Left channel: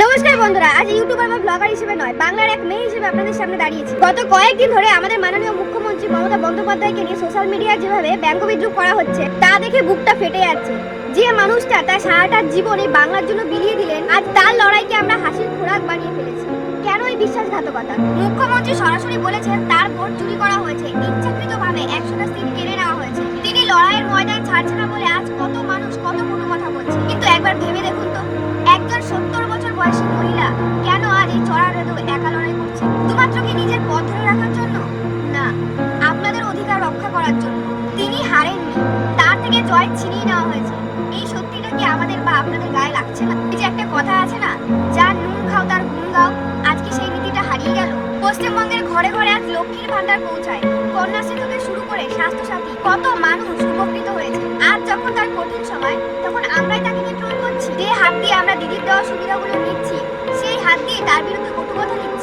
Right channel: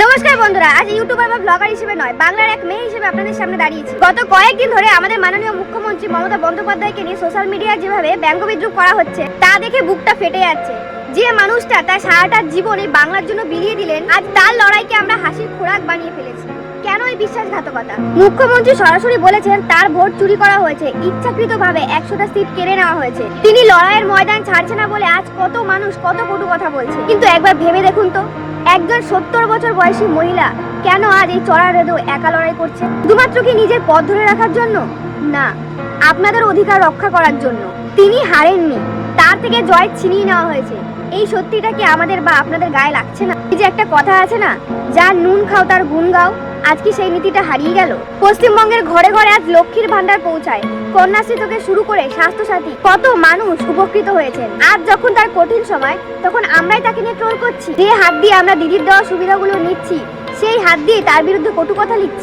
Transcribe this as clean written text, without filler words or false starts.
নমস্কার বন্ধুরা, আজ ইউটিউবার বা ব্লগার হিসেবে নয়, বাংলার এক মেয়ে হিসেবে আপনাদের সামনে দাঁড়িয়েছি। গত কয়েকদিন ধরে আমাদের মাননীয় মুখ্যমন্ত্রী মমতা বন্দ্যোপাধ্যায়কে নিয়ে সোশ্যাল মিডিয়ায় যেভাবে ব্যঙ্গবিদ্রুপ করা হচ্ছে তা দেখে বুকটা ফেটে যাচ্ছে। যে মানুষটা তার সারাটা জীবন এই বাংলার জন্য বিলিয়ে দিলেন, আজ তার লড়াইকে আমরা হাসির খোরাক বানিয়ে ফেলেছি। কেন এই বিশ্বাসঘাতকতা? মুখ্যমন্ত্রী সরাসরি বলেছেন তার ভোট চুরি করা হয়েছে, ইচ্ছাকৃতভাবে 100টা সিট কেড়ে নেওয়া হয়েছে। তিনি লড়াইয়ের ময়দান ছাড়ছে না বলে আজ কত মানুষ কত কটু কথা বলছে। কিন্তু একবার ভেবে দেখুন তো, একজন 70 বছর বয়সী মহিলা কেন আজ এই চড়া রোদে একা লড়াই করছে? শুধুমাত্র কি নিজের পথ ধরে রাখার জন্য? না, আপনাদের অধিকার রক্ষা করার জন্য। তিনি হারেননি, তার থেকে জয় ছিনিয়ে নেওয়া হয়েছে। এই সত্যিটা কি আমাদের বা আপনাদের গায়ে লাগছে না? এই যে একটা কথা আছে না, যার নুন খাও তার গুণ গাও, আজকে সেই নীতিটা হারিয়ে গেল। পশ্চিমবঙ্গের ঘরে ঘরে আজ লক্ষ্মীর ভান্ডার পৌঁছায়, কন্যাশ্রী থেকে শুরু করে স্বাস্থ্যসাথী, কত মানুষ উপকৃত হয়েছে। আজ যখন তার কঠিন সময়, তখন আমরাই তাকে নিয়ে ট্রোল করছি। যে হাত দিয়ে আমরা দিদির দেওয়া সুবিধাগুলো নিচ্ছি, সেই হাত দিয়ে তার বিরুদ্ধে কটু কথা লিখছি।